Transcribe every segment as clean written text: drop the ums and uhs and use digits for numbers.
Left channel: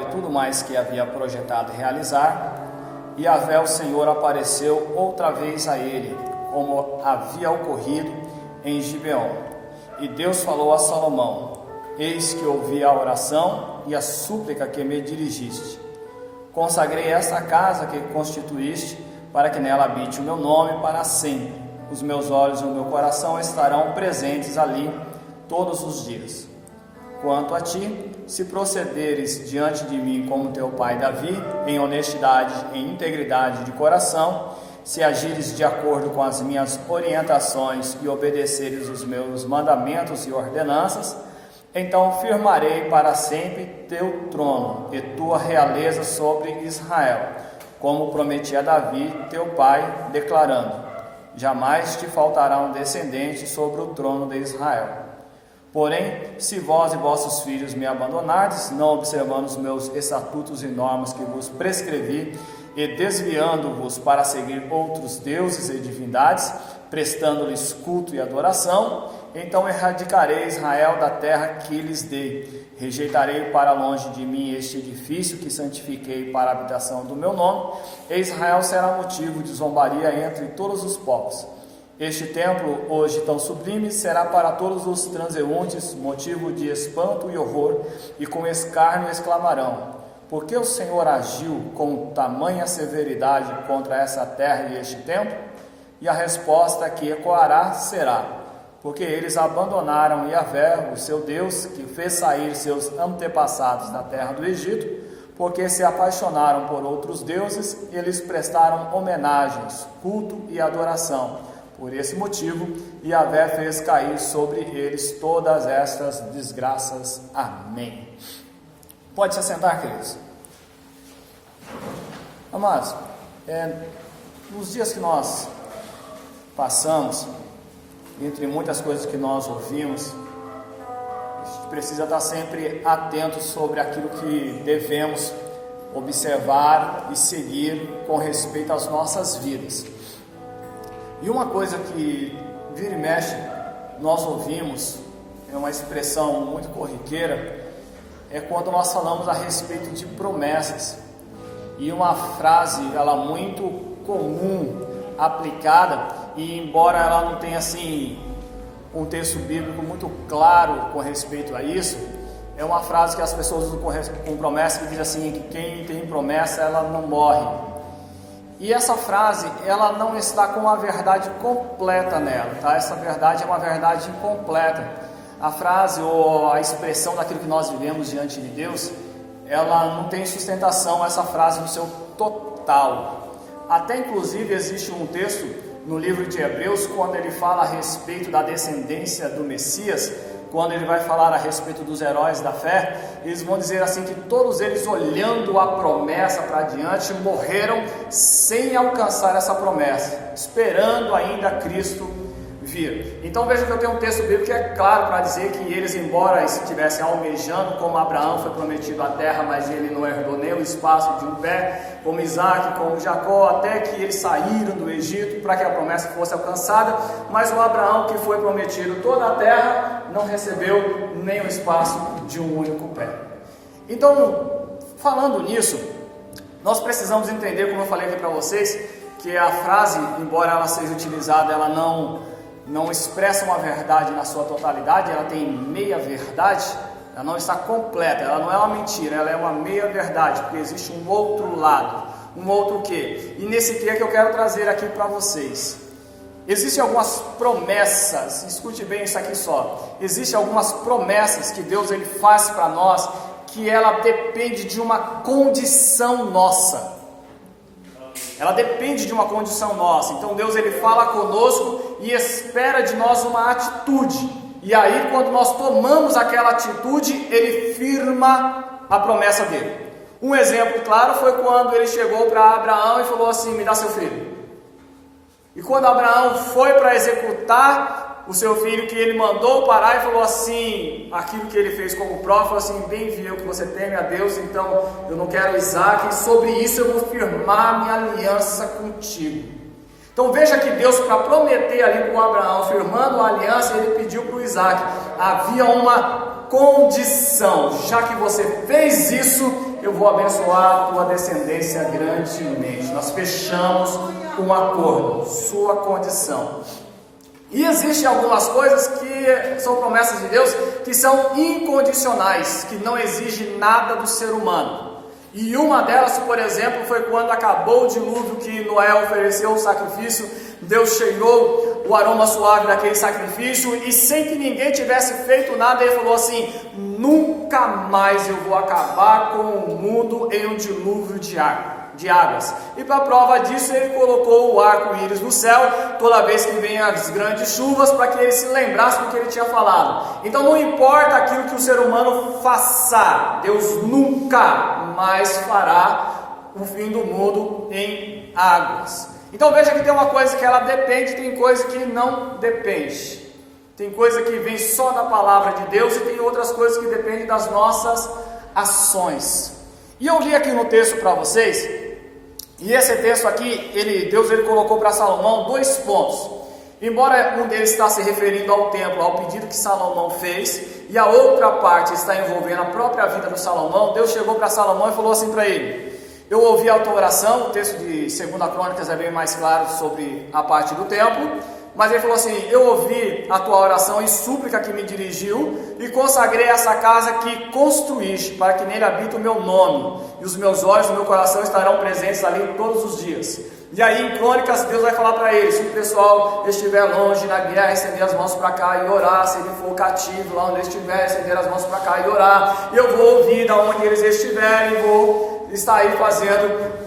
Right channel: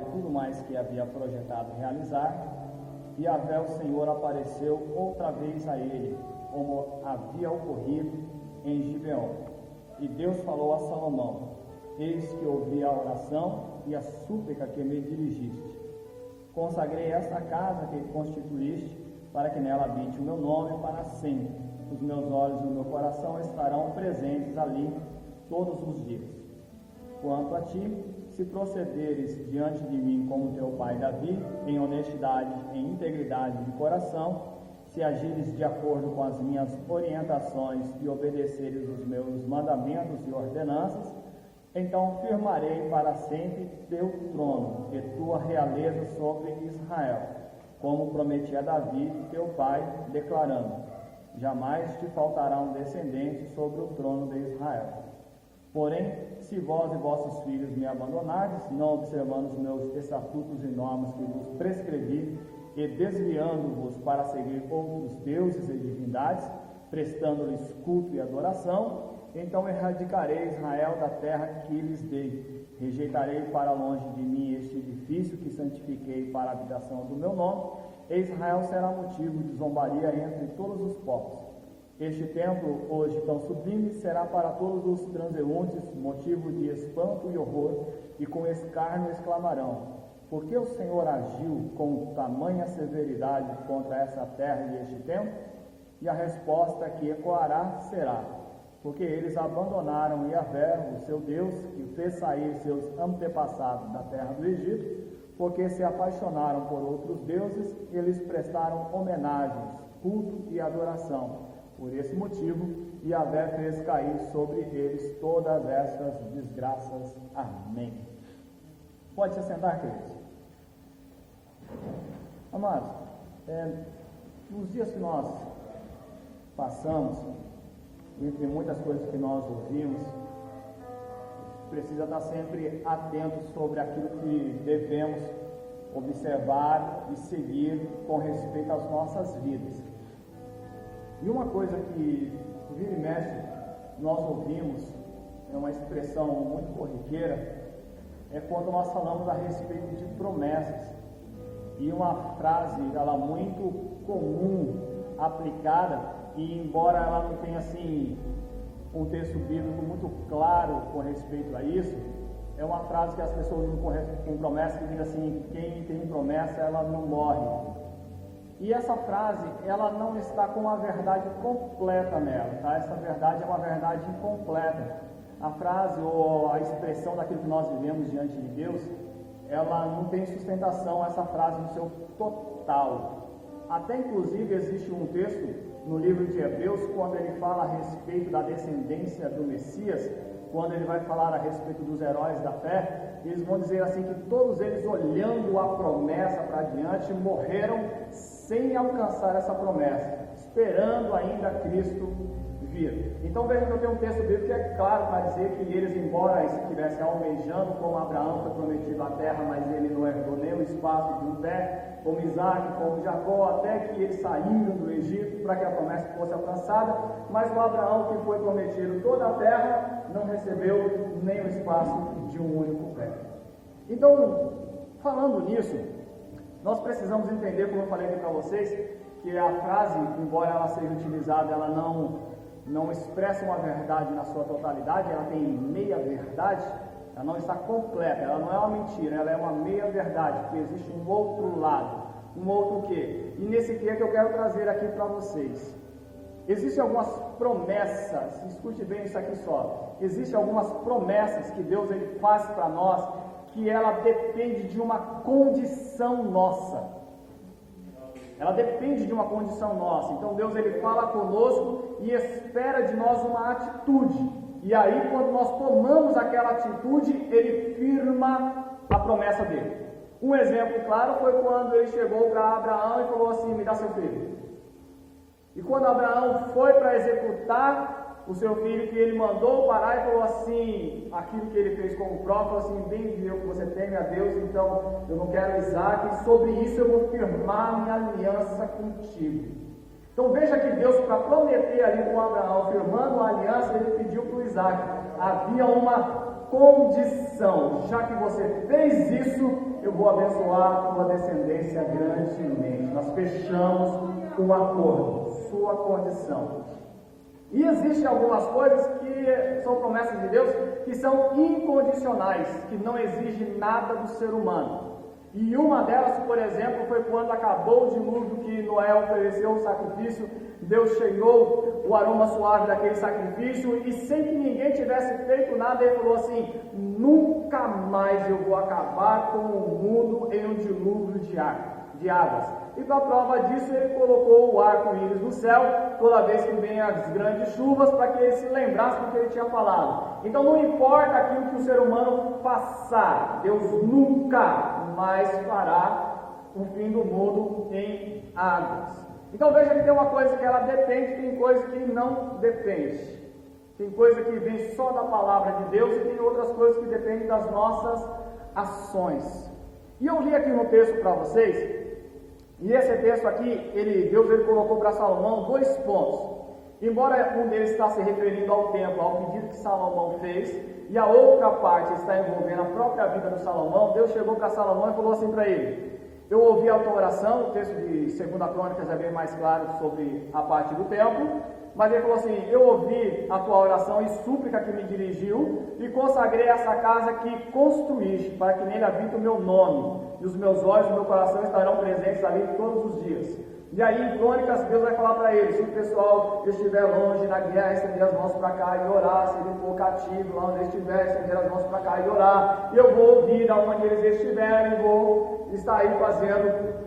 e tudo mais que havia projetado realizar, e Yahvé, o Senhor, apareceu outra vez a ele, como havia ocorrido em Gibeon. E Deus falou a Salomão: eis que ouvi a oração e a súplica que me dirigiste. Consagrei esta casa que constituíste, para que nela habite o meu nome para sempre. Os meus olhos e o meu coração estarão presentes ali todos os dias. Quanto a ti, se procederes diante de mim como teu pai Davi, em honestidade e integridade de coração, se agires de acordo com as minhas orientações e obedeceres os meus mandamentos e ordenanças, então firmarei para sempre teu trono e tua realeza sobre Israel, como prometi a Davi, teu pai, declarando: jamais te faltará um descendente sobre o trono de Israel. Porém, se vós e vossos filhos me abandonardes, não observando os meus estatutos e normas que vos prescrevi, e desviando-vos para seguir outros deuses e divindades, prestando-lhes culto e adoração, então erradicarei Israel da terra que lhes dei. Rejeitarei para longe de mim este edifício que santifiquei para a habitação do meu nome, e Israel será motivo de zombaria entre todos os povos. Este templo, hoje tão sublime, será para todos os transeuntes motivo de espanto e horror, e com escárnio exclamarão: por que o Senhor agiu com tamanha severidade contra essa terra e este templo? E a resposta que ecoará será: porque eles abandonaram Yahvé, o seu Deus, que fez sair seus antepassados da terra do Egito, porque se apaixonaram por outros deuses e lhes prestaram homenagens, culto e adoração. Por esse motivo, Yahvé fez cair sobre eles todas estas desgraças. Amém. Pode se assentar, queridos. Amados, nos dias que nós passamos, entre muitas coisas que nós ouvimos, a gente precisa estar sempre atento sobre aquilo que devemos observar e seguir com respeito às nossas vidas. E uma coisa que vira e mexe nós ouvimos, é uma expressão muito corriqueira, é quando nós falamos a respeito de promessas. E uma frase, ela muito comum, aplicada, e embora ela não tenha assim um texto bíblico muito claro com respeito a isso, é uma frase que as pessoas usam com promessa, que diz assim, que quem tem promessa, ela não morre. E essa frase, ela não está com a verdade completa nela, tá? Essa verdade é uma verdade incompleta. A frase ou a expressão daquilo que nós vivemos diante de Deus, ela não tem sustentação, essa frase no seu total. Até inclusive existe um texto no livro de Hebreus, quando ele fala a respeito da descendência do Messias, quando ele vai falar a respeito dos heróis da fé, eles vão dizer assim que todos eles, olhando a promessa para diante, morreram sem alcançar essa promessa, esperando ainda Cristo vir. Então veja que eu tenho um texto bíblico que é claro para dizer que eles, embora estivessem almejando, como Abraão foi prometido a terra, mas ele não herdou nem o espaço de um pé, como Isaac, como Jacó, até que eles saíram do Egito para que a promessa fosse alcançada, mas o Abraão, que foi prometido toda a terra, não recebeu nem o espaço de um único pé. Então, falando nisso, nós precisamos entender, como eu falei aqui para vocês, que a frase, embora ela seja utilizada, ela não expressa uma verdade na sua totalidade, ela tem meia verdade, ela não está completa, ela não é uma mentira, ela é uma meia verdade, porque existe um outro lado, um outro quê? E nesse quê que eu quero trazer aqui para vocês. Existem algumas promessas, escute bem isso aqui só, existem algumas promessas que Deus ele faz para nós, que ela depende de uma condição nossa. Ela depende de uma condição nossa. Então Deus ele fala conosco e espera de nós uma atitude. E aí quando nós tomamos aquela atitude, ele firma a promessa dele. Um exemplo claro foi quando ele chegou para Abraão e falou assim: me dá seu filho. E quando Abraão foi para executar o seu filho, que ele mandou parar e falou assim, aquilo que ele fez como prova, falou assim: bem viu que você teme a Deus, então eu não quero Isaac, e sobre isso eu vou firmar minha aliança contigo. Então veja que Deus, para prometer ali com Abraão, firmando a aliança, ele pediu para o Isaac, havia uma condição: já que você fez isso, eu vou abençoar a tua descendência grandemente. Nós fechamos um acordo, sua condição. E existem algumas coisas que são promessas de Deus que são incondicionais, que não exigem nada do ser humano. E uma delas, por exemplo, foi quando acabou o dilúvio, que Noé ofereceu o sacrifício. Deus cheirou o aroma suave daquele sacrifício, e sem que ninguém tivesse feito nada, ele falou assim: nunca mais eu vou acabar com o mundo em um dilúvio de águas. E para prova disso, ele colocou o arco-íris no céu toda vez que vem as grandes chuvas, para que ele se lembrasse do que ele tinha falado. Então não importa aquilo que o ser humano faça, Deus nunca mais fará o fim do mundo em águas. Então veja que tem uma coisa que ela depende, tem coisa que não depende. Tem coisa que vem só da palavra de Deus, e tem outras coisas que dependem das nossas ações. E eu li aqui no texto para vocês, e esse texto aqui, Deus colocou para Salomão 2 pontos. Embora um deles está se referindo ao templo, ao pedido que Salomão fez, e a outra parte está envolvendo a própria vida do Salomão, Deus chegou para Salomão e falou assim para ele: eu ouvi a tua oração. O texto de 2 Crônicas é bem mais claro sobre a parte do templo, mas ele falou assim: eu ouvi a tua oração e súplica que me dirigiu, e consagrei essa casa que construíste, para que nele habite o meu nome, e os meus olhos e o meu coração estarão presentes ali todos os dias. E aí em Crônicas, Deus vai falar para ele: se o pessoal estiver longe na guerra, estender as mãos para cá e orar. Se ele for cativo, lá onde ele estiver, estender as mãos para cá e orar. Eu vou ouvir da onde eles estiverem, vou estar aí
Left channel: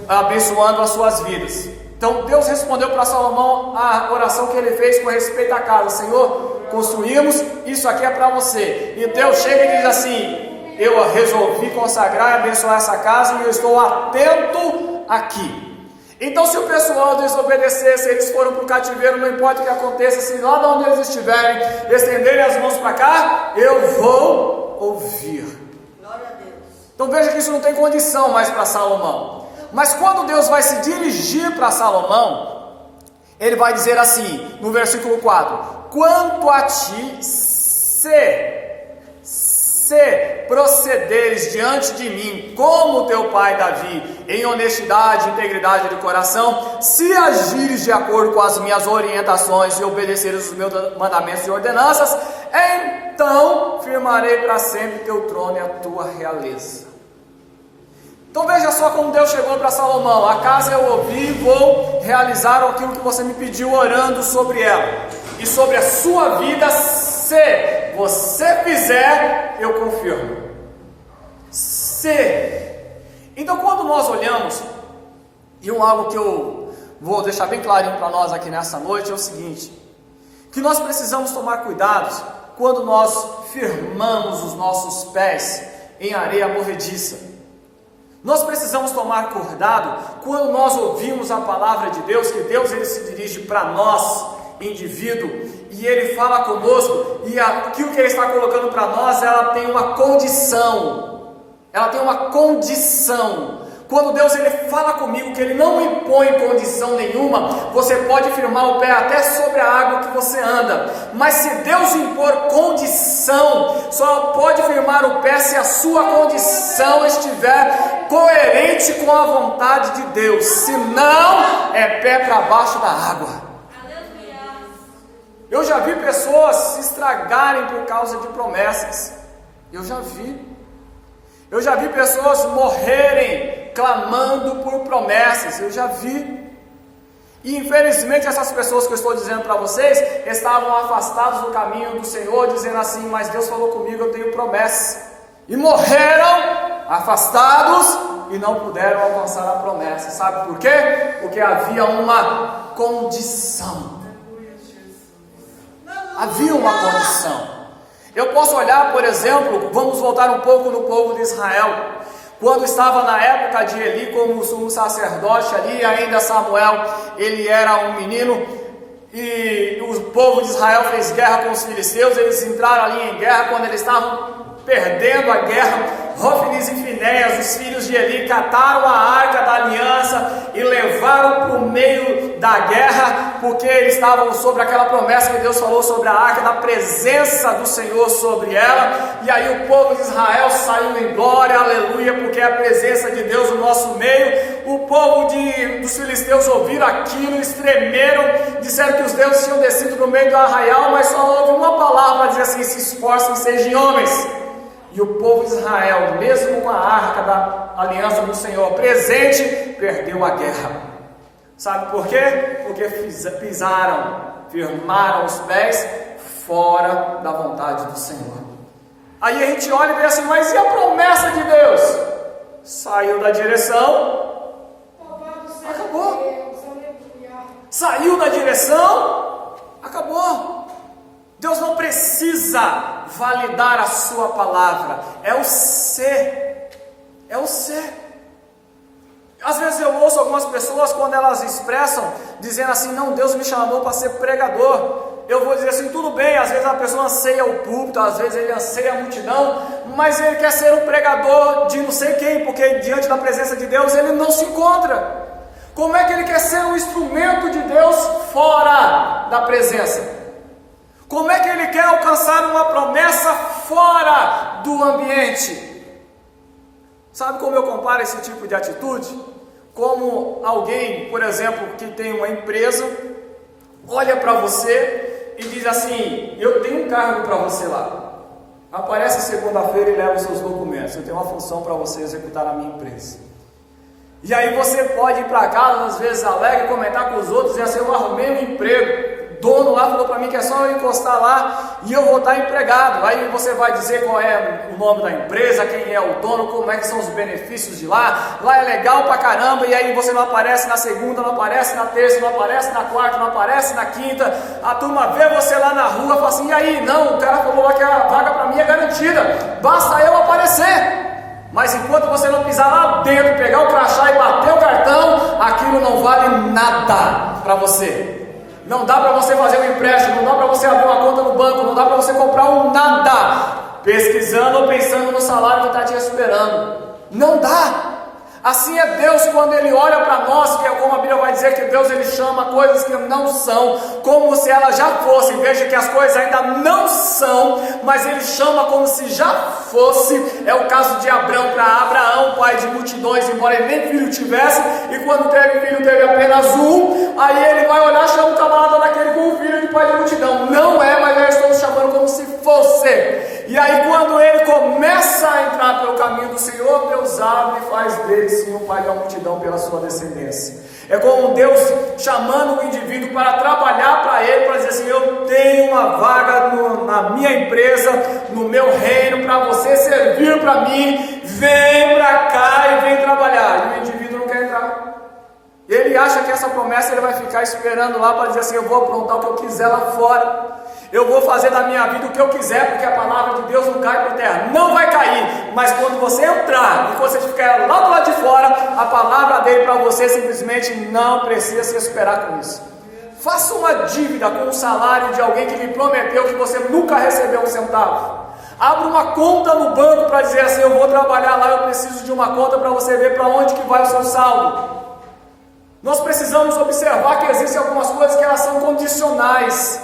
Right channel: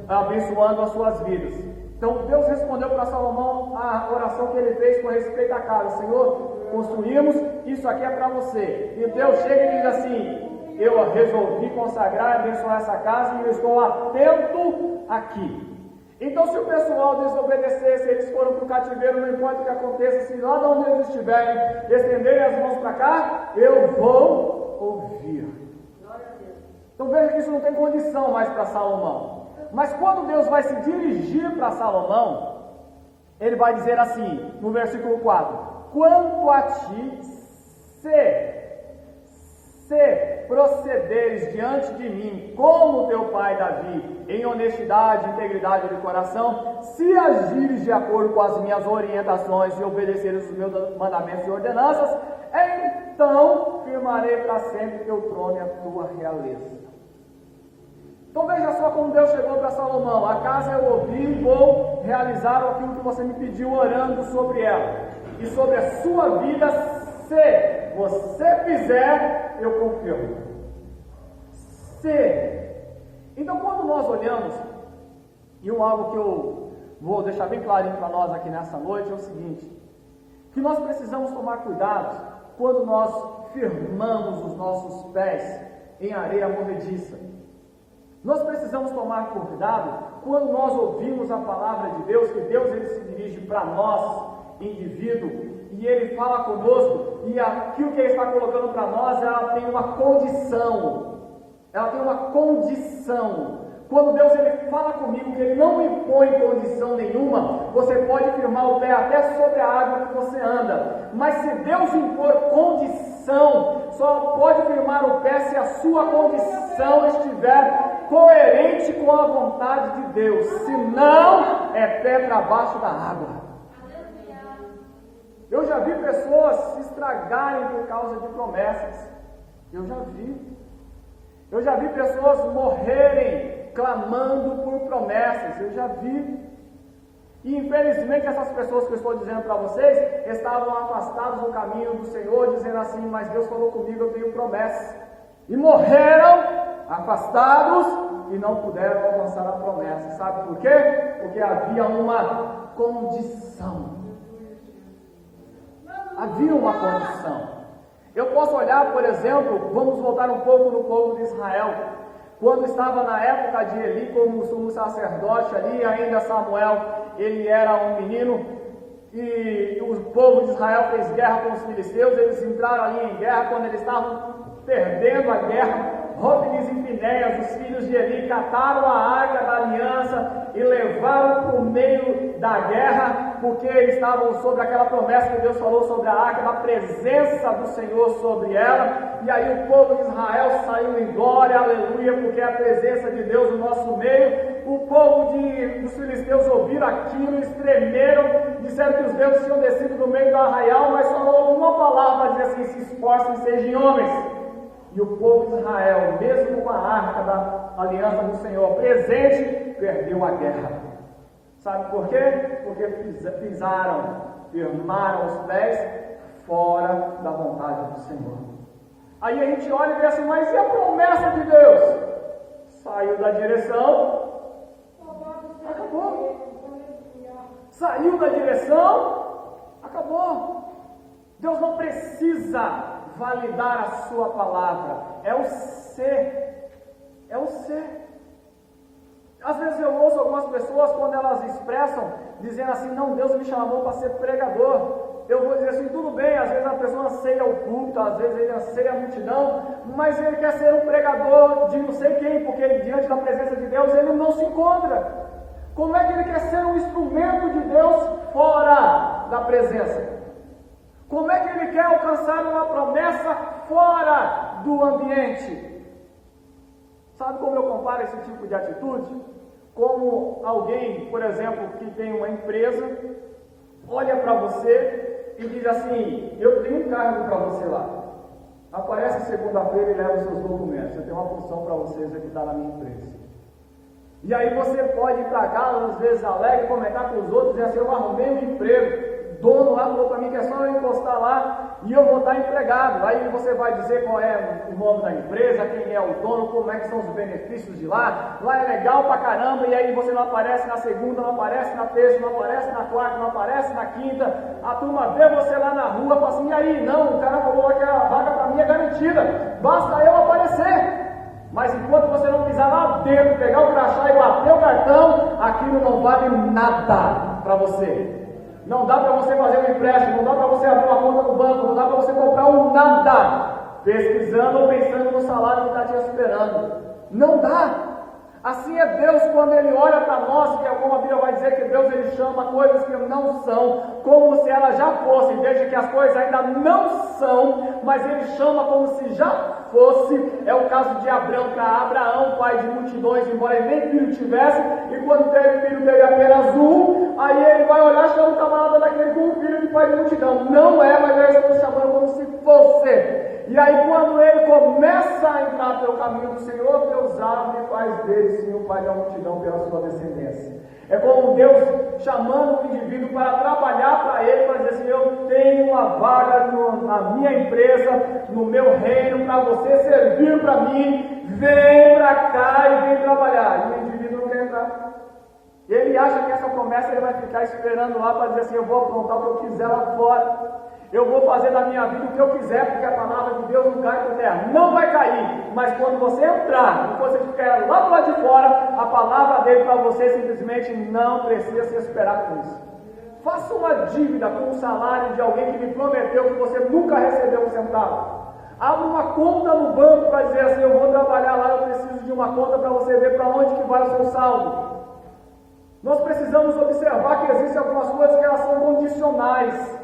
abençoando as suas vidas. Então Deus respondeu para Salomão a oração que ele fez com respeito à casa: Senhor, construímos, isso aqui é para você. E Deus chega e diz assim: eu resolvi consagrar e abençoar essa casa, e eu estou atento aqui. Então, se o pessoal desobedecer, se eles forem para o cativeiro, não importa o que aconteça, se lá de onde eles estiverem, estenderem as mãos para cá, eu vou ouvir. Glória a Deus. Então veja que isso não tem condição mais para Salomão. Mas quando Deus vai se dirigir para Salomão, ele vai dizer assim, no versículo 4: quanto a ti, se procederes diante de mim como teu pai Davi, em honestidade e integridade de coração, se agires de acordo com as minhas orientações e obedeceres os meus mandamentos e ordenanças, então firmarei para sempre teu trono e a tua realeza. Então veja só como Deus chegou para Salomão: a casa eu ouvi, vou realizar aquilo que você me pediu orando sobre ela, e sobre a sua vida, se você fizer, eu confirmo. Então quando nós olhamos, e algo que eu vou deixar bem clarinho para nós aqui nessa noite, é o seguinte: que nós precisamos tomar cuidado quando nós firmamos os nossos pés em areia movediça. Nós precisamos tomar cuidado quando nós ouvimos a palavra de Deus, que Deus ele se dirige para nós, indivíduo, e ele fala conosco, e aquilo que ele está colocando para nós, ela tem uma condição. Quando Deus ele fala comigo, que ele não impõe condição nenhuma, você pode firmar o pé até sobre a água que você anda, mas se Deus impor condição, só pode firmar o pé se a sua condição estiver coerente com a vontade de Deus, senão é pé para baixo da água. Eu já vi pessoas se estragarem por causa de promessas. Eu já vi pessoas morrerem clamando por promessas. Eu já vi. E infelizmente essas pessoas que eu estou dizendo para vocês estavam afastados do caminho do Senhor, dizendo assim: mas Deus falou comigo, eu tenho promessa. E morreram afastados e não puderam alcançar a promessa. Sabe por quê? Porque havia uma condição. Havia uma condição. Eu posso olhar, por exemplo, vamos voltar um pouco no povo de Israel. Quando estava na época de Eli como sumo sacerdote ali, ainda Samuel, ele era um menino, e o povo de Israel fez guerra com os filisteus. Eles entraram ali em guerra. Quando eles estavam perdendo a guerra, Hofnis e Finéias, os filhos de Eli, cataram a arca da aliança e levaram para o meio da guerra, porque eles estavam sobre aquela promessa que Deus falou sobre a arca, da presença do Senhor sobre ela. E aí o povo de Israel saiu em glória, aleluia, porque é a presença de Deus no nosso meio. O povo dos filisteus ouviram aquilo, estremeram, disseram que os deuses tinham descido no meio do arraial, mas só houve uma palavra para dizer assim: se esforcem, sejam homens. E o povo de Israel, mesmo com a arca da aliança do Senhor presente, perdeu a guerra. Sabe por quê? Porque pisaram, firmaram os pés fora da vontade do Senhor. Aí a gente olha e vê assim: mas e a promessa de Deus? Saiu da direção, acabou. Saiu da direção, acabou. Deus não precisa validar a sua palavra, é o ser, é o ser. Às vezes eu ouço algumas pessoas, quando elas expressam, dizendo assim: não, Deus me chamou para ser pregador. Eu vou dizer assim: tudo bem, às vezes a pessoa anseia o púlpito, às vezes ele anseia a multidão, mas ele quer ser um pregador de não sei quem, porque diante da presença de Deus ele não se encontra. Como é que ele quer ser um instrumento de Deus fora da presença? Como é que ele quer alcançar uma promessa fora do ambiente? Sabe como eu comparo esse tipo de atitude? Como alguém, por exemplo, que tem uma empresa, olha para você e diz assim: eu tenho um cargo para você lá. Aparece segunda-feira e leva os seus documentos. Eu tenho uma função para você executar na minha empresa. E aí você pode ir para casa, às vezes alegre, comentar com os outros e assim: eu arrumei um emprego. O dono lá falou para mim que é só eu encostar lá e eu vou estar empregado. Aí você vai dizer qual é o nome da empresa, quem é o dono, como é que são os benefícios de lá. Lá é legal pra caramba. E aí você não aparece na segunda, não aparece na terça, não aparece na quarta, não aparece na quinta. A turma vê você lá na rua e fala assim: e aí? Não, o cara falou lá que a vaga para mim é garantida, basta eu aparecer. Mas enquanto você não pisar lá dentro, pegar o crachá e bater o cartão, aquilo não vale nada para você. Não dá para você fazer um empréstimo, não dá para você abrir uma conta no banco, não dá para você comprar um nada, pesquisando ou pensando no salário que está te esperando. Não dá. Assim é Deus quando Ele olha para nós, que é como a Bíblia vai dizer que Deus Ele chama coisas que não são, como se elas já fossem. Veja que as coisas ainda não são, mas Ele chama como se já fosse. É o caso de Abraão para Abraão, pai de multidões, embora ele nem filho tivesse, e quando teve filho teve apenas um. Aí ele vai olhar, chama o camarada daquele com um filho de pai de multidão. Não é, mas eu estou chamando como se fosse. E aí quando ele começa a entrar pelo caminho do Senhor, Deus abre e faz dele sim um pai da multidão pela sua descendência. É como Deus chamando o indivíduo para trabalhar para ele, para dizer assim: eu tenho uma vaga na minha empresa, no meu reino, para você servir para mim, vem para cá e vem trabalhar. E o indivíduo não quer entrar. Ele acha que essa promessa ele vai ficar esperando lá para dizer assim: eu vou aprontar o que eu quiser lá fora, eu vou fazer da minha vida o que eu quiser, porque a palavra de Deus não cai por terra. Não vai cair, mas quando você entrar e você ficar lá do lado de fora, a palavra dele para você simplesmente não precisa se esperar com isso. Faça uma dívida com o salário de alguém que lhe prometeu que você nunca recebeu um centavo. Abra uma conta no banco para dizer assim: eu vou trabalhar lá, eu preciso de uma conta para você ver para onde que vai o seu saldo. Nós precisamos observar que existem algumas coisas que elas são condicionais.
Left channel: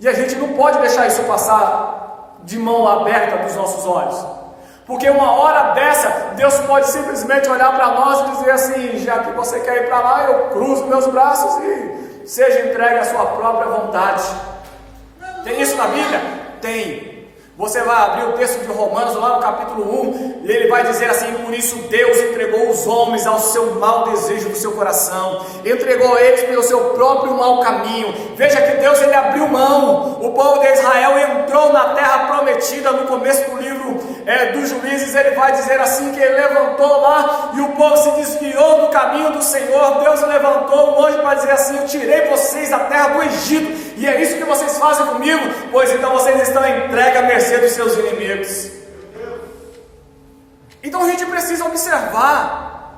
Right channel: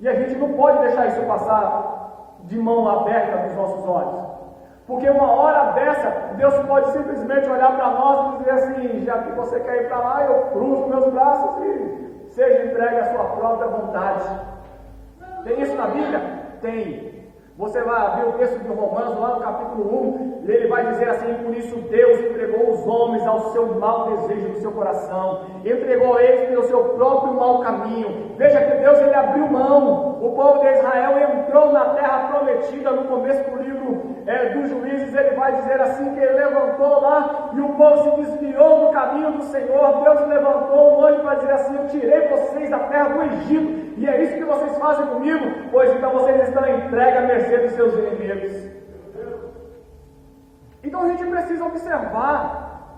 E a gente não pode deixar isso passar de mão aberta dos nossos olhos. Porque uma hora dessa, Deus pode simplesmente olhar para nós e dizer assim: já que você quer ir para lá, eu cruzo meus braços e seja entregue à sua própria vontade. Tem isso na Bíblia? Tem. Você vai abrir o texto de Romanos, lá no capítulo 1, e ele vai dizer assim: por isso Deus entregou os homens ao seu mau desejo do seu coração, entregou eles pelo seu próprio mau caminho. Veja que Deus ele abriu mão. O povo de Israel entrou na terra prometida. No começo do livro dos Juízes, ele vai dizer assim que ele levantou lá e o povo se desviou do caminho do Senhor. Deus levantou um anjo para dizer assim: eu tirei vocês da terra do Egito, e é isso que vocês fazem comigo? Pois então vocês estão entregues à mercê dos seus inimigos. Então a gente precisa observar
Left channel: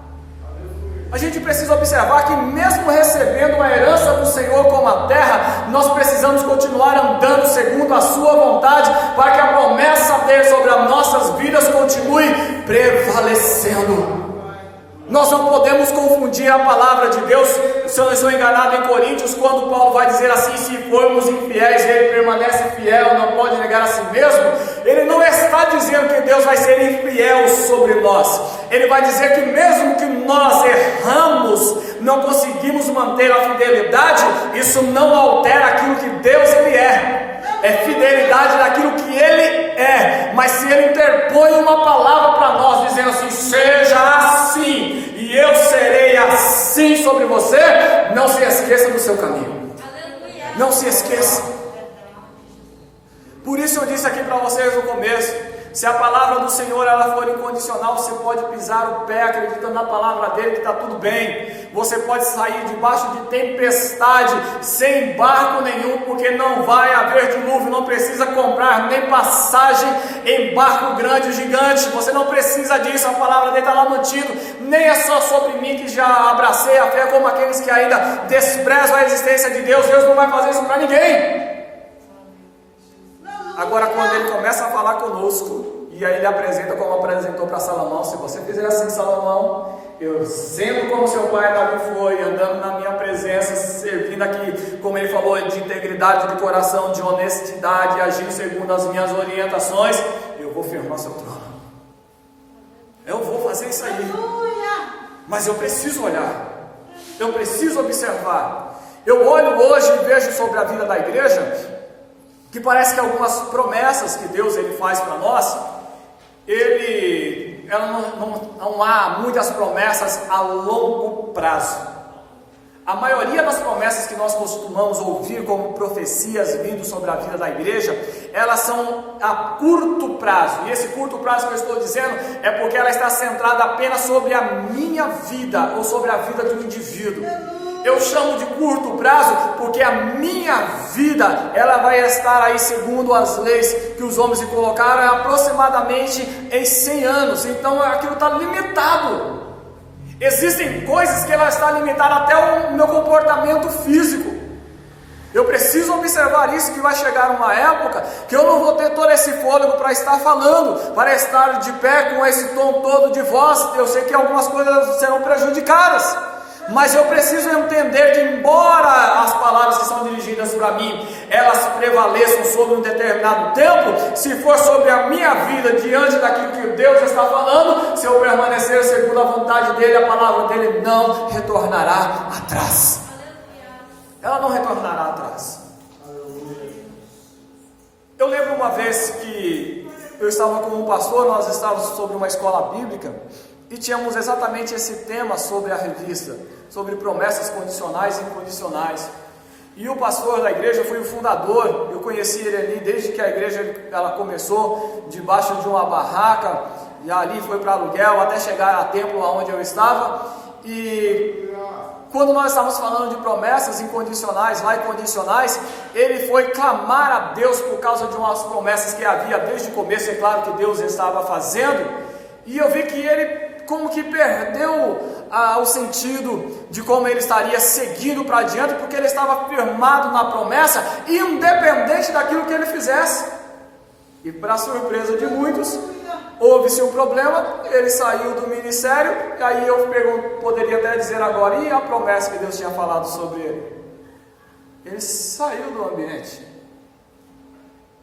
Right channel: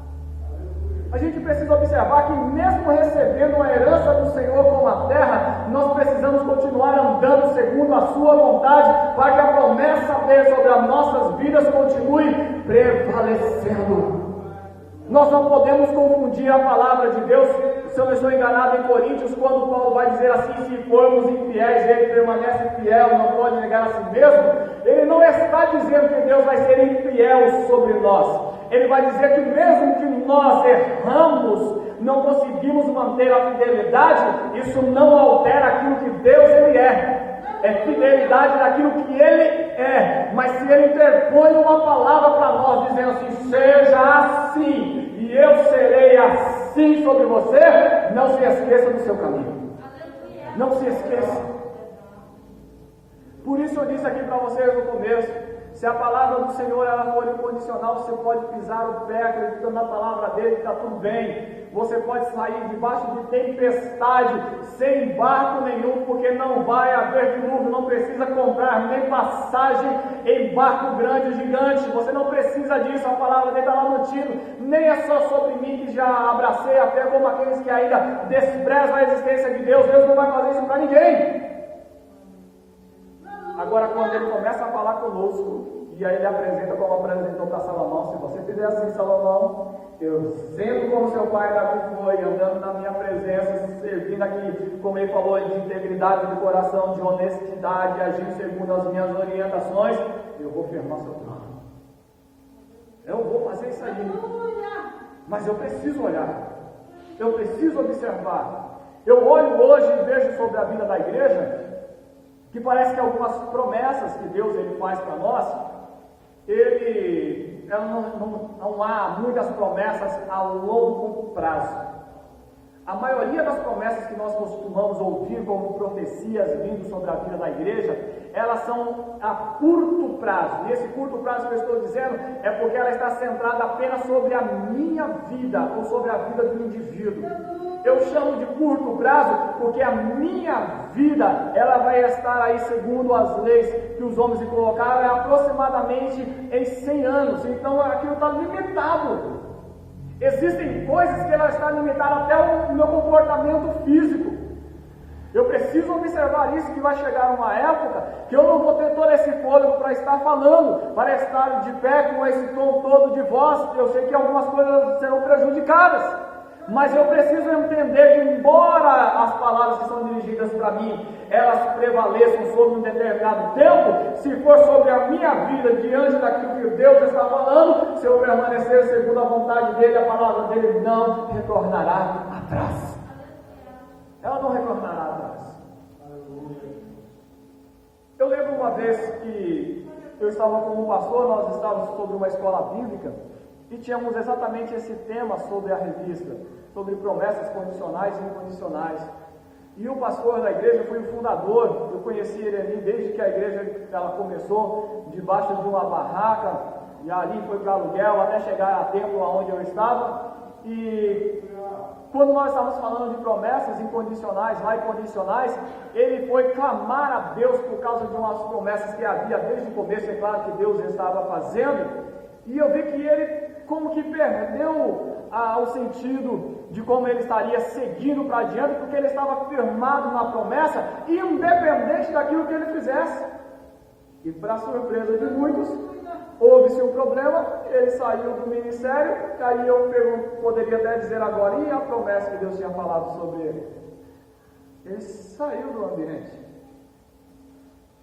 A gente precisa observar que mesmo recebendo a herança do Senhor como a terra, nós precisamos continuar andando segundo a sua vontade, para que a promessa dele sobre as nossas vidas continue prevalecendo. Nós não podemos confundir a palavra de Deus. Se eu não estou enganado, em Coríntios, quando Paulo vai dizer assim: se formos infiéis, ele permanece fiel, não pode negar a si mesmo. Ele não está dizendo que Deus vai ser infiel sobre nós. Ele vai dizer que mesmo que nós erramos, não conseguimos manter a fidelidade, isso não altera aquilo que Deus ele é fidelidade naquilo que ele é. Mas se ele interpõe uma palavra para nós, dizendo assim: seja assim, e eu serei assim sobre você, não se esqueça do seu caminho. Não se esqueça. Por isso eu disse aqui para vocês no começo: se a palavra do Senhor ela for incondicional, você pode pisar o pé acreditando na palavra dele que está tudo bem. Você pode sair debaixo de tempestade sem barco nenhum, porque não vai haver dilúvio. Não precisa comprar nem passagem em barco grande ou gigante. Você não precisa disso, a palavra dele está lá mantido. Nem é só sobre mim que já abracei a fé, como aqueles que ainda desprezam a existência de Deus. Deus não vai fazer isso para ninguém. Agora, quando ele começa a falar conosco, e aí ele apresenta como apresentou para Salomão: se você fizer assim, Salomão, eu sendo como seu pai Davi foi, andando na minha presença, servindo aqui, como ele falou, de integridade de coração, de honestidade, agindo segundo as minhas orientações, eu vou firmar seu trono. Eu vou fazer isso aí. Mas eu preciso olhar, eu preciso observar. Eu olho hoje e vejo sobre a vida da igreja que parece que algumas promessas que Deus ele faz para nós, não há muitas promessas a longo prazo. A maioria das promessas que nós costumamos ouvir como profecias vindo sobre a vida da igreja, elas são a curto prazo. E esse curto prazo que eu estou dizendo é porque ela está centrada apenas sobre a minha vida ou sobre a vida do indivíduo. Eu chamo de curto prazo porque a minha vida ela vai estar aí segundo as leis que os homens se colocaram aproximadamente em 100 anos. Então aquilo está limitado. Existem coisas que ela está limitada até o meu comportamento físico. Eu preciso observar isso, que vai chegar uma época que eu não vou ter todo esse fôlego para estar falando, para estar de pé com esse tom todo de voz. Eu sei que algumas coisas serão prejudicadas, mas eu preciso entender que, embora as palavras que são dirigidas para mim, elas prevaleçam sobre um determinado tempo, se for sobre a minha vida, diante daquilo que Deus está falando, se eu permanecer segundo a vontade dele, a palavra dele não retornará atrás. Ela não retornará atrás. Eu lembro uma vez que eu estava com um pastor, nós estávamos sobre uma escola bíblica, e tínhamos exatamente esse tema sobre a revista, sobre promessas condicionais e incondicionais. E o pastor da igreja foi o fundador. Eu conheci ele ali desde que a igreja ela começou, debaixo de uma barraca, e ali foi para aluguel até chegar a templo onde eu estava. E quando nós estávamos falando de promessas incondicionais, lá incondicionais, ele foi clamar a Deus por causa de umas promessas que havia desde o começo. É claro que Deus estava fazendo, e eu vi que ele como que perdeu o sentido de como ele estaria seguindo para adiante, porque ele estava firmado na promessa, independente daquilo que ele fizesse. E para surpresa de muitos, houve-se um problema, ele saiu do ministério, e aí eu poderia até dizer agora: e a promessa que Deus tinha falado sobre ele? Ele saiu do ambiente.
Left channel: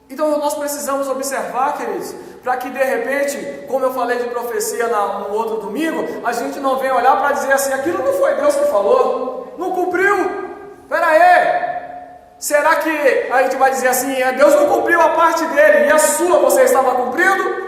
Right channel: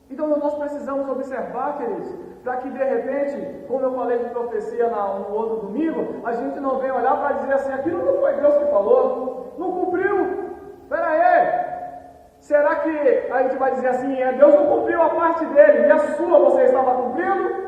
Então nós precisamos observar, queridos, para que de repente, como eu falei de profecia no outro domingo, a gente não venha olhar para dizer assim: aquilo não foi Deus que falou, não cumpriu, espera aí. Será que a gente vai dizer assim: Deus não cumpriu a parte dele e a sua você estava cumprindo?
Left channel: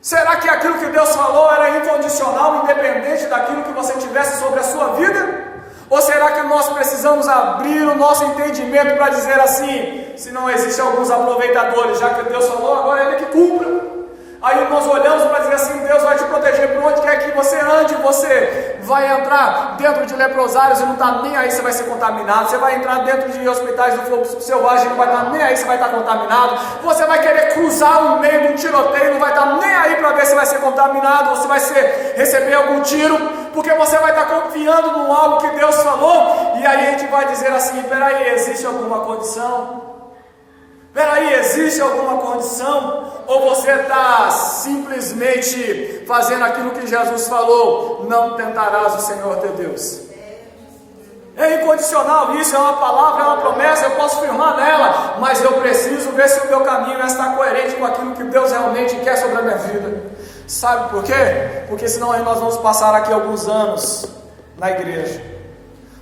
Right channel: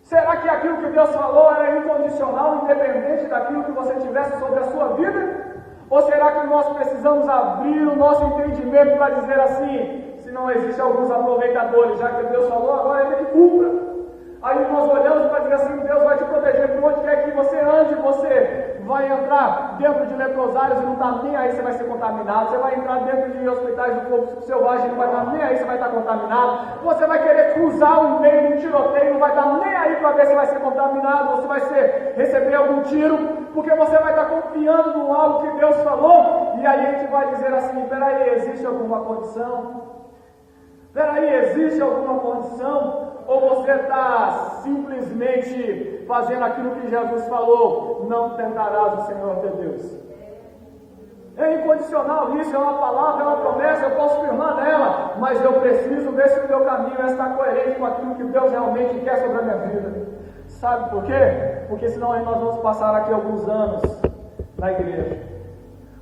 Será que aquilo que Deus falou era incondicional, independente daquilo que você tivesse sobre a sua vida? Ou será que nós precisamos abrir o nosso entendimento para dizer assim: se não existem alguns aproveitadores, já que Deus falou, agora Ele que cumpra. Aí nós olhamos para dizer assim: Deus vai te proteger por onde quer que você ande, você vai entrar dentro de leprosários e não está nem aí se vai ser contaminado. Você vai entrar dentro de hospitais do fogo selvagem e não vai estar nem aí se vai estar contaminado. Você vai querer cruzar o meio de um tiroteio e não vai estar nem aí para ver se vai ser contaminado ou se vai receber algum tiro, porque você vai estar confiando num algo que Deus falou. E aí a gente vai dizer assim: peraí, existe alguma condição? Peraí, existe alguma condição? Ou você está simplesmente fazendo aquilo que Jesus falou: não tentarás o Senhor teu Deus? É incondicional isso, é uma palavra, é uma promessa, eu posso firmar nela, mas eu preciso ver se o meu caminho está coerente com aquilo que Deus realmente quer sobre a minha vida. Sabe por quê? Porque senão nós vamos passar aqui alguns anos na igreja.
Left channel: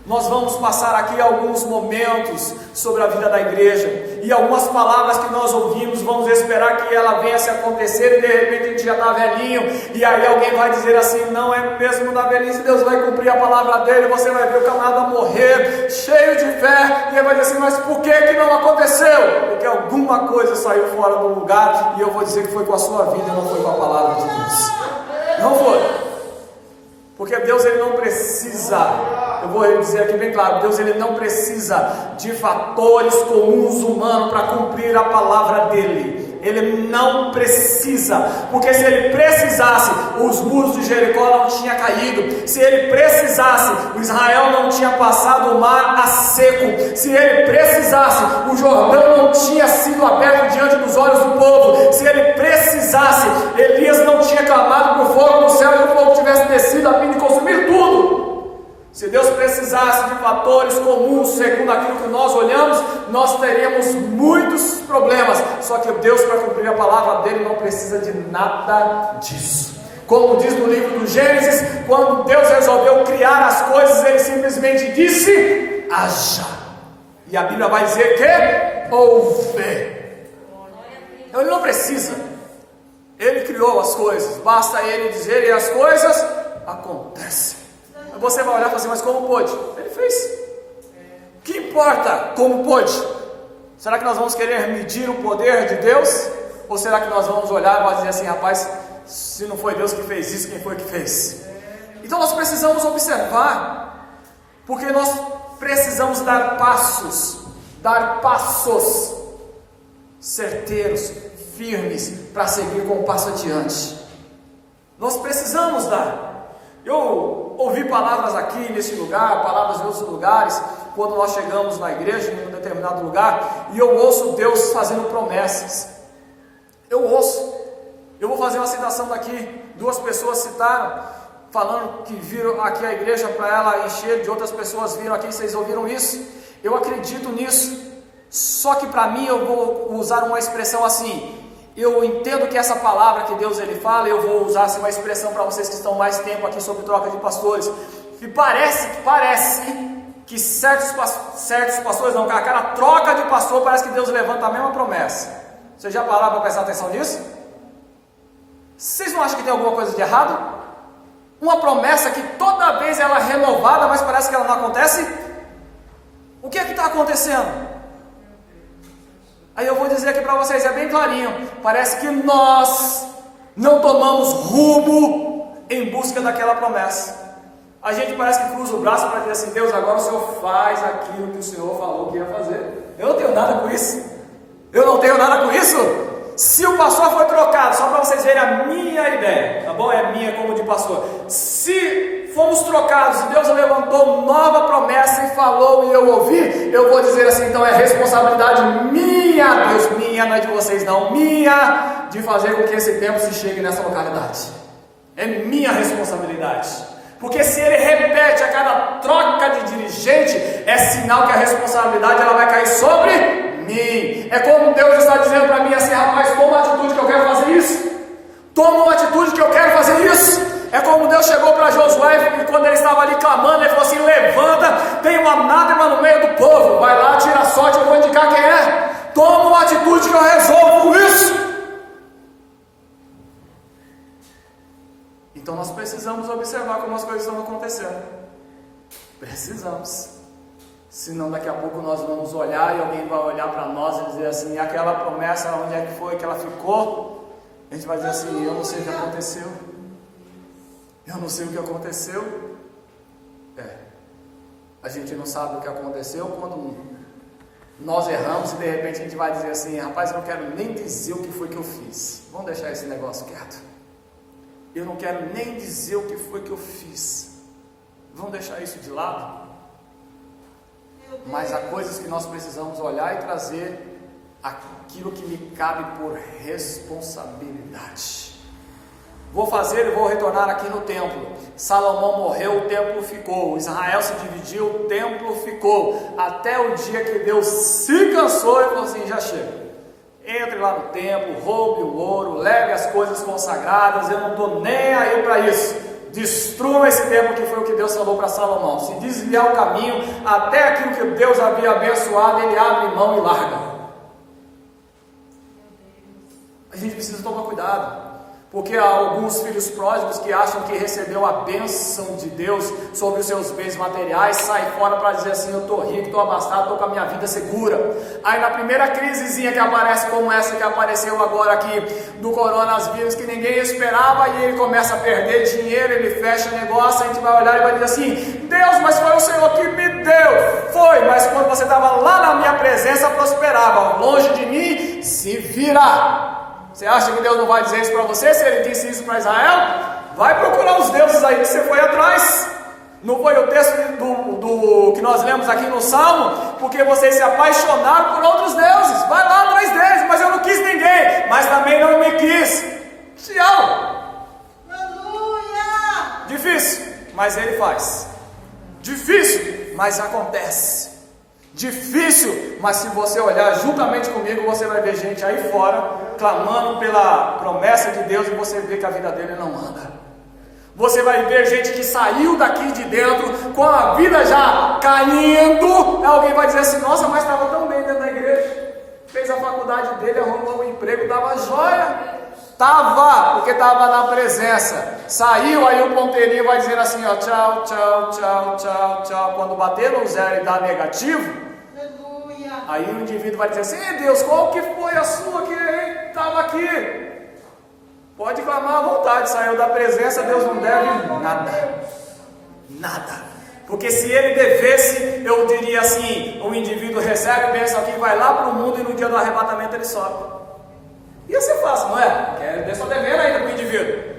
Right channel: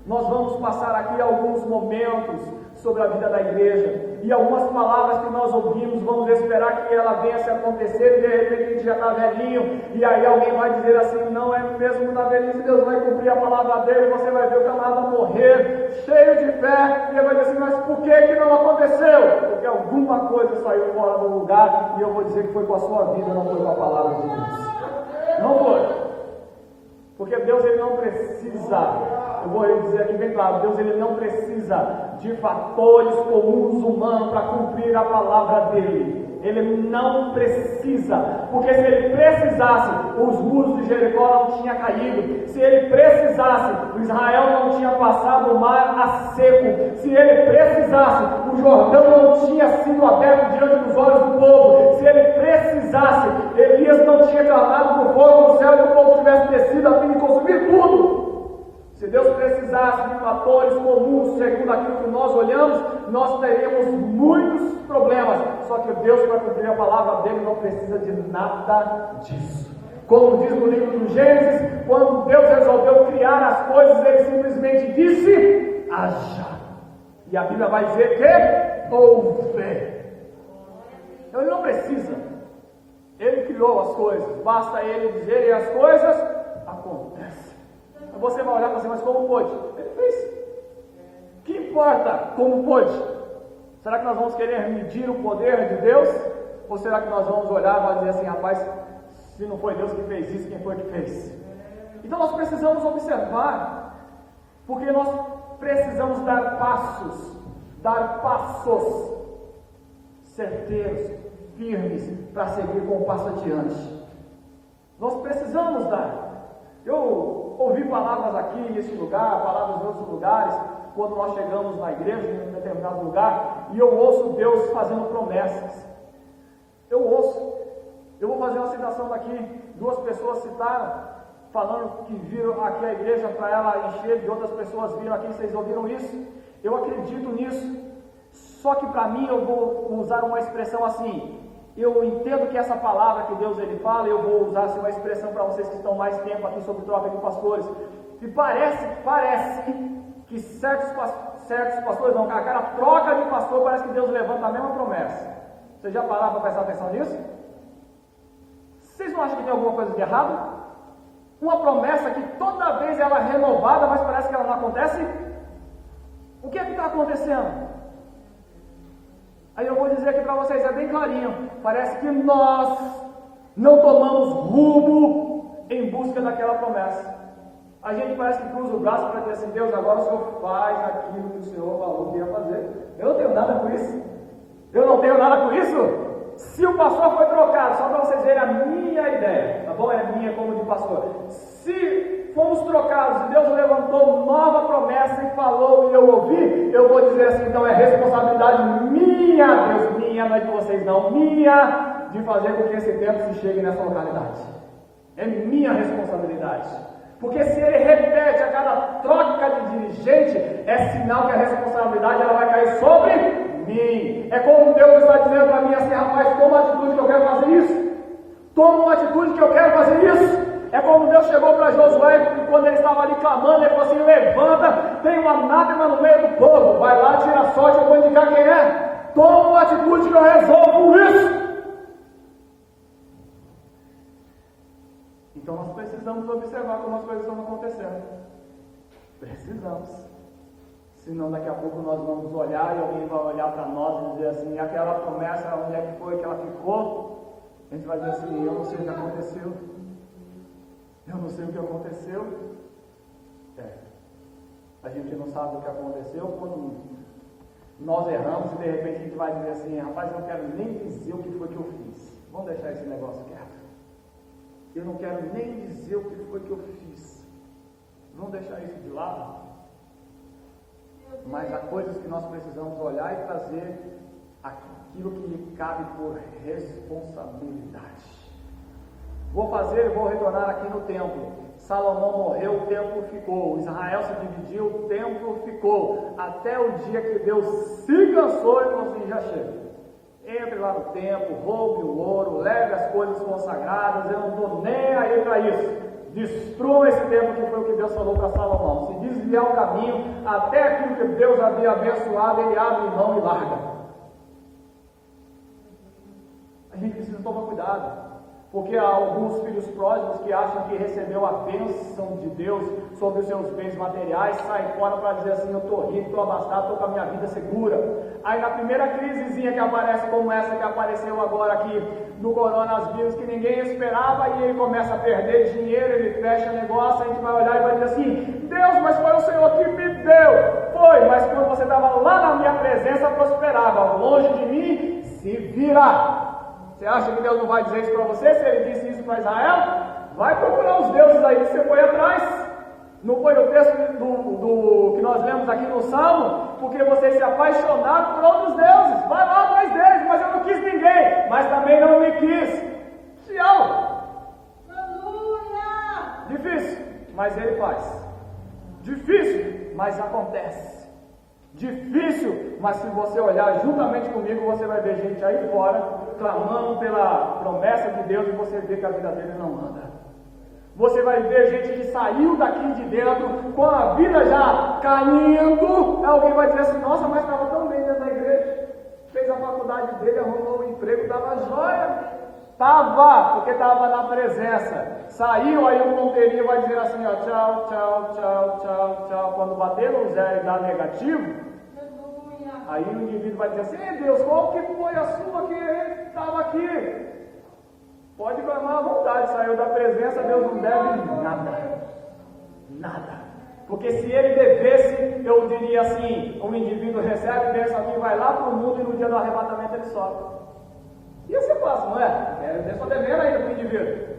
Nós vamos passar aqui alguns momentos sobre a vida da igreja, e algumas palavras que nós ouvimos, vamos esperar que ela venha a se acontecer, e de repente a gente já está velhinho, e aí alguém vai dizer assim: não é mesmo na velhice, Deus vai cumprir a palavra dele. Você vai ver o camarada morrer, cheio de fé, e ele vai dizer assim: mas por que não aconteceu? Porque alguma coisa saiu fora do lugar, e eu vou dizer que foi com a sua vida, não foi com a palavra de Deus. Não foi. Porque Deus, ele não precisa, eu vou dizer aqui bem claro, Deus, ele não precisa de fatores comuns humanos para cumprir a palavra dele. Ele não precisa, porque se ele precisasse, os muros de Jericó não tinham caído. Se ele precisasse, o Israel não tinha passado o mar a seco. Se ele precisasse, o Jordão não tinha sido aberto diante dos olhos do povo. Se ele precisasse, Elias não tinha clamado por fogo no céu e o fogo tivesse descido a fim de consumir tudo. Se Deus precisasse de fatores comuns, segundo aquilo que nós olhamos, nós teríamos muitos problemas. Só que Deus, para cumprir a palavra dele, não precisa de nada disso. Como diz no livro do Gênesis, quando Deus resolveu criar as coisas, ele simplesmente disse: haja. E a Bíblia vai dizer que houve. Então ele não precisa. Ele criou as coisas, basta ele dizer e as coisas acontecem. Você vai olhar e falar assim: mas como pôde? Ele fez. O que importa como pôde? Será que nós vamos querer medir o poder de Deus? Ou será que nós vamos olhar e vamos dizer assim: rapaz, se não foi Deus que fez isso, quem foi que fez? Então nós precisamos observar, porque nós precisamos dar passos certeiros, firmes, para seguir com o passo adiante. Nós precisamos dar. Eu ouvi palavras aqui nesse lugar, palavras em outros lugares, quando nós chegamos na igreja, em um determinado lugar, e eu ouço Deus fazendo promessas. Eu vou fazer uma citação daqui. 2 pessoas citaram, falando que viram aqui a igreja para ela encher, de outras pessoas viram aqui. Vocês ouviram isso? Eu acredito nisso. Só que para mim, eu vou usar uma expressão assim. Eu entendo que essa palavra que Deus ele fala, eu vou usar assim, uma expressão para vocês que estão mais tempo aqui sobre troca de pastores. E parece que certos pastores, não, a cada troca de pastor, parece que Deus levanta a mesma promessa. Vocês já pararam para prestar atenção nisso? Vocês não acham que tem alguma coisa de errado? Uma promessa que toda vez ela é renovada, mas parece que ela não acontece? O que é que está acontecendo? Aí eu vou dizer aqui para vocês, é bem clarinho. Parece que nós não tomamos rumo em busca daquela promessa. A gente parece que cruza o braço para dizer assim: Deus, agora o Senhor faz aquilo que o Senhor falou que ia fazer. Eu não tenho nada com isso. Se o pastor foi trocado, só para vocês verem a minha ideia, tá bom? É minha como de pastor. Se fomos trocados e Deus levantou nova promessa e falou e eu ouvi, eu vou dizer assim: então é responsabilidade minha, Deus, minha, não é de vocês não, minha, de fazer com que esse tempo se chegue nessa localidade. É minha responsabilidade. Porque se ele repete a cada troca de dirigente, é sinal que a responsabilidade ela vai cair sobre mim. É como Deus está dizendo para mim assim: rapaz, toma uma atitude que eu quero fazer isso. Toma uma atitude que eu quero fazer isso. É como Deus chegou para Josué e quando ele estava ali clamando, ele falou assim: levanta, tem uma anátema no meio do povo, vai lá, tira a sorte, eu vou indicar quem é. Toma uma atitude que eu resolvo isso. Então nós precisamos observar como as coisas estão acontecendo. Precisamos. Senão daqui a pouco nós vamos olhar e alguém vai olhar para nós e dizer assim: e aquela promessa, onde é que foi que ela ficou? A gente vai dizer assim: eu não sei o que aconteceu. Eu não sei o que aconteceu. A gente não sabe o que aconteceu quando nós erramos e de repente a gente vai dizer assim: rapaz, eu não quero nem dizer o que foi que eu fiz. Vamos deixar esse negócio quieto. Eu não quero nem dizer o que foi que eu fiz. Vamos deixar isso de lado. Mas há coisas que nós precisamos olhar e trazer aquilo que me cabe por responsabilidade. Vou retornar aqui no templo. Salomão morreu, o templo ficou. Israel se dividiu, o templo ficou. Até o dia que Deus se cansou e falou assim: já chega. Entre lá no templo, roube o ouro, leve as coisas consagradas, eu não estou nem aí para isso. Destrua esse templo, que foi o que Deus falou para Salomão. Se desviar o caminho, até aquilo que Deus havia abençoado, ele abre mão e larga. A gente precisa tomar cuidado. Porque há alguns filhos pródigos que acham que recebeu a bênção de Deus sobre os seus bens materiais, sai fora para dizer assim: eu estou rico, estou abastado, estou com a minha vida segura. Aí na primeira crisezinha que aparece, como essa que apareceu agora aqui, do coronavírus, que ninguém esperava, e ele começa a perder dinheiro, ele fecha negócio, a gente vai olhar e vai dizer assim: Deus, mas foi o Senhor que me deu. Foi, mas quando você estava lá na minha presença, prosperava. Longe de mim, se vira. Você acha que Deus não vai dizer isso para você? Se ele disse isso para Israel, vai procurar os deuses aí que você foi atrás. Não foi o texto do que nós lemos aqui no Salmo? Porque vocês se apaixonaram por outros deuses. Vai lá atrás deles. Mas eu não quis ninguém, mas também não me quis. Tchau. Aleluia. Difícil, mas ele faz. Difícil, mas acontece. Difícil, mas se você olhar juntamente comigo, você vai ver gente aí fora clamando pela promessa de Deus, e você vê que a vida dele não anda. Você vai ver gente que saiu daqui de dentro com a vida já caindo. Alguém vai dizer assim: nossa, mas estava tão bem dentro da igreja, fez a faculdade dele, arrumou um emprego, estava jóia. Estava, porque estava na presença. Saiu, aí o ponteirinho vai dizer assim: ó, tchau, tchau, tchau, tchau, tchau. Quando bater no zero e dar negativo, aí o indivíduo vai dizer assim: Deus, qual que foi a sua que estava aqui? Pode clamar à vontade, saiu da presença, Deus não deve nada. Nada. Porque se ele devesse, eu diria assim: o indivíduo recebe bênção aqui, vai lá para o mundo, e no dia do arrebatamento ele sobe. Ia ser fácil, não é? Porque ele está devendo ainda para o indivíduo.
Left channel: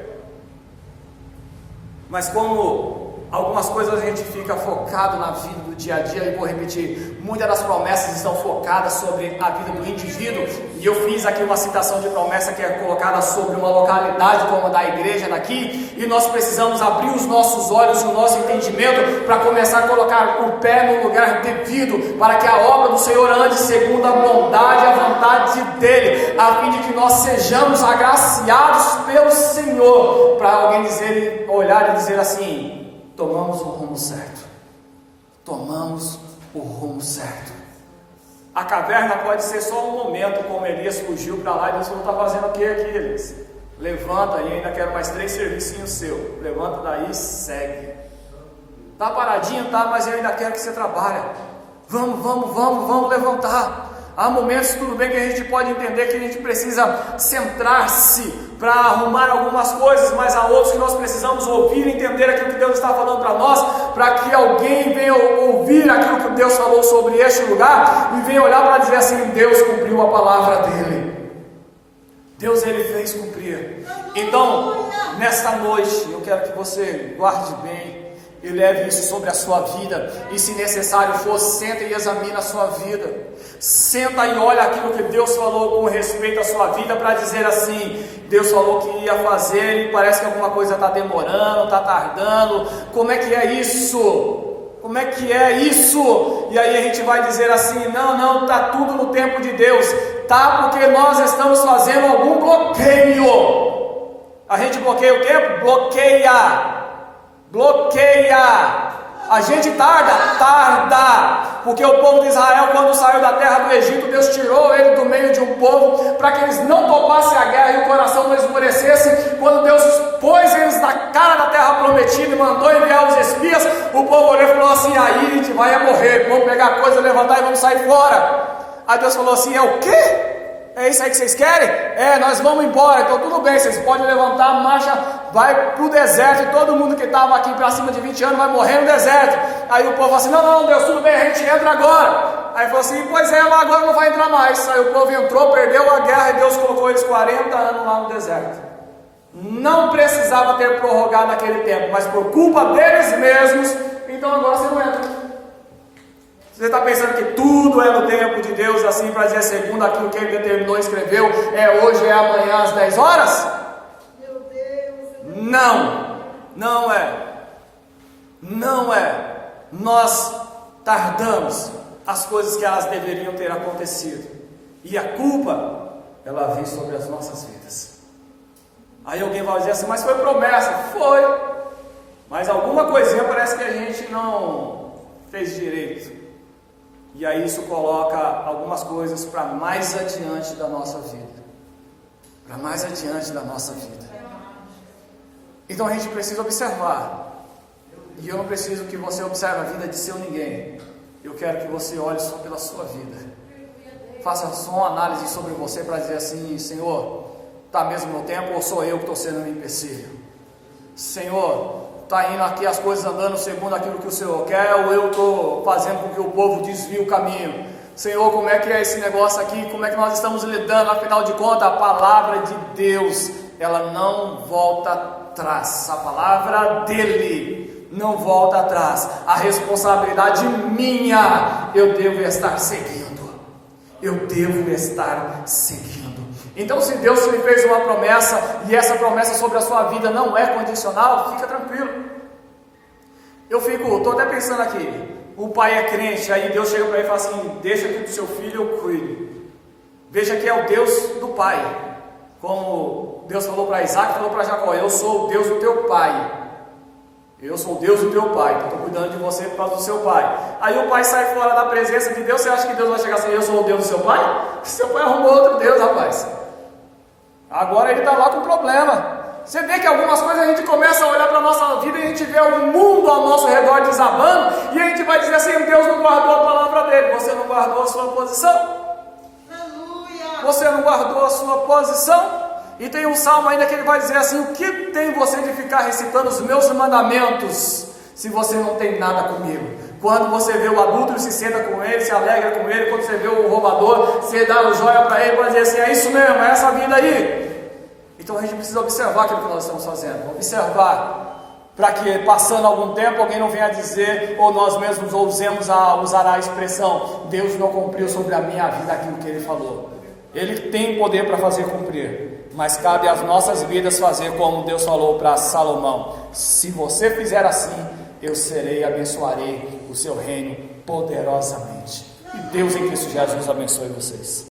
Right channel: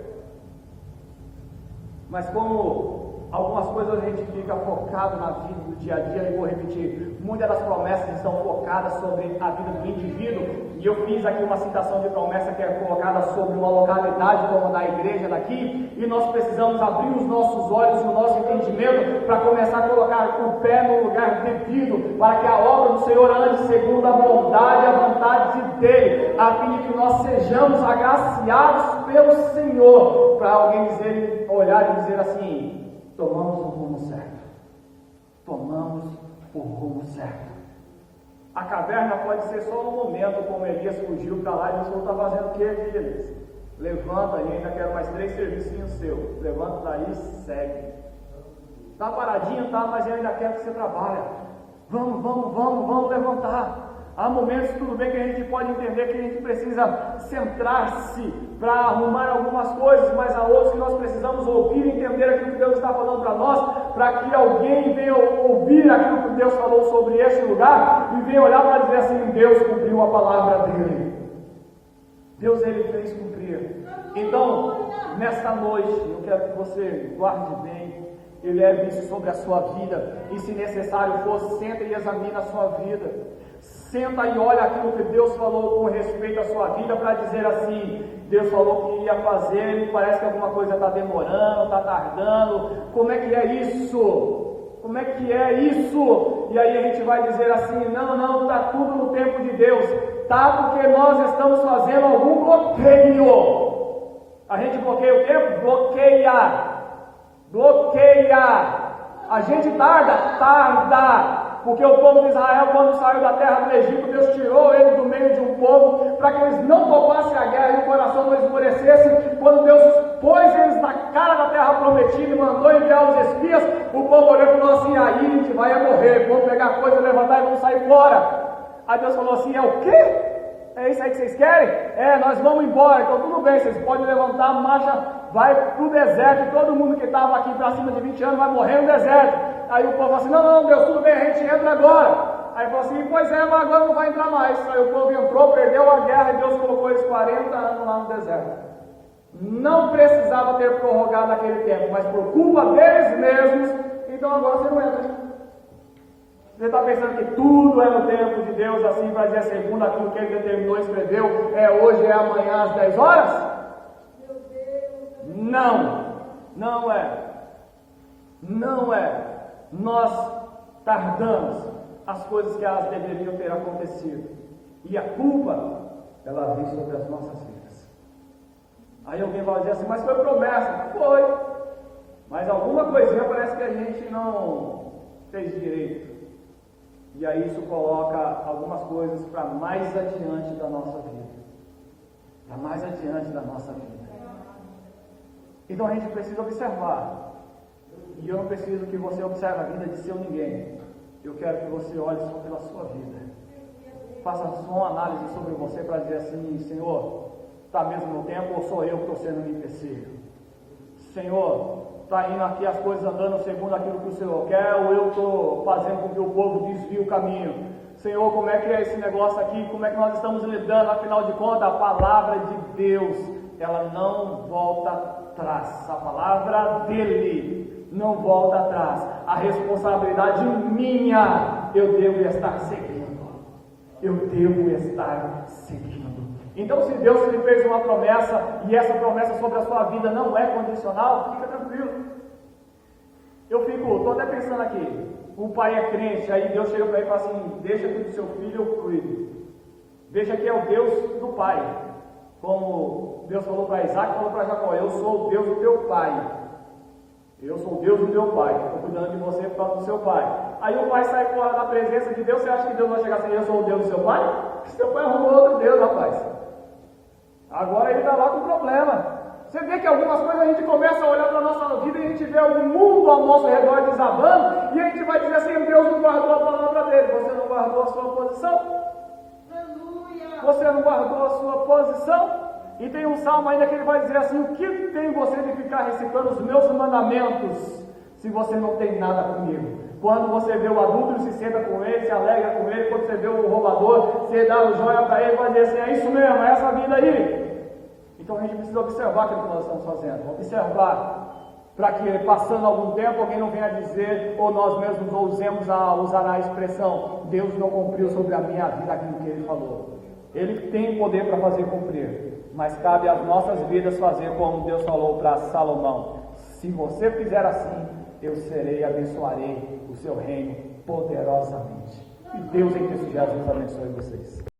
Mas como algumas coisas a gente fica focado na vida do dia a dia, e vou repetir, muitas das promessas estão focadas sobre a vida do indivíduo, e eu fiz aqui uma citação de promessa que é colocada sobre uma localidade como a da igreja daqui, e nós precisamos abrir os nossos olhos e o nosso entendimento para começar a colocar o pé no lugar devido, para que a obra do Senhor ande segundo a bondade e a vontade dele, a fim de que nós sejamos agraciados pelo Senhor, para alguém dizer, olhar e dizer assim: tomamos o rumo certo. Tomamos o rumo certo. A caverna pode ser só um momento, como Elias fugiu para lá e Deus falou: está fazendo o que aqui, Elias? Levanta aí, ainda quero mais 3 servicinhos seus. Levanta daí e segue. Está paradinho, tá, mas eu ainda quero que você trabalhe. Vamos levantar. Há momentos, tudo bem, que a gente pode entender que a gente precisa centrar-se para arrumar algumas coisas, mas há outros que nós precisamos ouvir e entender aquilo que Deus está falando para nós, para que alguém venha ouvir aquilo que Deus falou sobre este lugar e venha olhar para dizer assim: Deus cumpriu a palavra dele. Deus, ele fez cumprir. Então, nesta noite, eu quero que você guarde bem e leve isso sobre a sua vida, e se necessário for, senta e examina a sua vida, senta e olha aquilo que Deus falou com respeito à sua vida, para dizer assim: Deus falou que ia fazer e parece que alguma coisa está demorando, está tardando, como é que é isso? Como é que é isso? E aí a gente vai dizer assim: não, está tudo no tempo de Deus, tá? Porque nós estamos fazendo algum bloqueio. A gente bloqueia o tempo? Bloqueia. A gente tarda, porque o povo de Israel, quando saiu da terra do Egito, Deus tirou ele do meio de um povo, para que eles não topassem a guerra e o coração não esmurecesse. Quando Deus pôs eles na cara da terra prometida e mandou enviar os espias, o povo olhou e falou assim: aí a gente vai morrer, vamos pegar a coisa, levantar e vamos sair fora. Aí Deus falou assim: é o quê? É isso aí que vocês querem? Nós vamos embora. Então tudo bem, vocês podem levantar, marcha vai para o deserto e todo mundo que estava aqui para cima de 20 anos vai morrer no deserto. Aí o povo falou assim, não, Deus, tudo bem, a gente entra agora. Aí falou assim, pois é, mas agora não vai entrar mais. Aí o povo entrou, perdeu a guerra e Deus colocou eles 40 anos lá no deserto. Não precisava ter prorrogado aquele tempo, mas por culpa deles mesmos, então agora você não entra. Você está pensando que tudo é no tempo de Deus, assim, para dizer segundo aquilo que ele determinou e escreveu, é hoje, é amanhã, às 10 horas? Meu Deus. Não é. Nós tardamos as coisas que elas deveriam ter acontecido. E a culpa, ela vem sobre as nossas vidas. Aí alguém vai dizer assim, mas foi promessa. Foi. Mas alguma coisinha parece que a gente não fez direito. E aí isso coloca algumas coisas para mais adiante da nossa vida. Para mais adiante da nossa vida. Então a gente precisa observar. E eu não preciso que você observe a vida de seu ninguém. Eu quero que você olhe só pela sua vida. Faça só uma análise sobre você para dizer assim, Senhor, está mesmo no tempo ou sou eu que estou sendo um empecilho? Senhor, está indo aqui as coisas andando segundo aquilo que o Senhor quer, ou eu estou fazendo com que o povo desvie o caminho? Senhor, como é que é esse negócio aqui? Como é que nós estamos lidando? Afinal de contas, a palavra de Deus, ela não volta atrás. A palavra dele não volta atrás. A responsabilidade minha, eu devo estar seguindo. Então, se Deus lhe fez uma promessa, e essa promessa sobre a sua vida não é condicional, fica tranquilo. Estou até pensando aqui, o pai é crente, aí Deus chega para ele e fala assim, deixa que do seu filho eu cuido. Veja que é o Deus do pai, como Deus falou para Isaac, falou para Jacó, eu sou o Deus do teu pai. Eu sou o Deus do teu pai, então estou cuidando de você por causa do seu pai. Aí o pai sai fora da presença de Deus, você acha que Deus vai chegar assim, eu sou o Deus do seu pai? Seu pai arrumou outro Deus, rapaz. Agora ele está lá com problema. Você vê que algumas coisas a gente começa a olhar para a nossa vida e a gente vê o mundo ao nosso redor desabando e a gente vai dizer assim, Deus não guardou a palavra dele. Você não guardou a sua posição? Aleluia. Você não guardou a sua posição? E tem um salmo ainda que ele vai dizer assim, o que tem você de ficar recitando os meus mandamentos, se você não tem nada comigo? Quando você vê o adúltero, se senta com ele, se alegra com ele. Quando você vê o roubador, você dá o joia para ele, para dizer assim, é isso mesmo, é essa vida aí. Então a gente precisa observar aquilo que nós estamos fazendo, observar, para que passando algum tempo alguém não venha dizer, ou nós mesmos ousemos a usar a expressão, Deus não cumpriu sobre a minha vida aquilo que ele falou. Ele tem poder para fazer cumprir, mas cabe às nossas vidas fazer como Deus falou para Salomão, se você fizer assim, eu abençoarei o seu reino poderosamente. E Deus em Cristo Jesus abençoe vocês.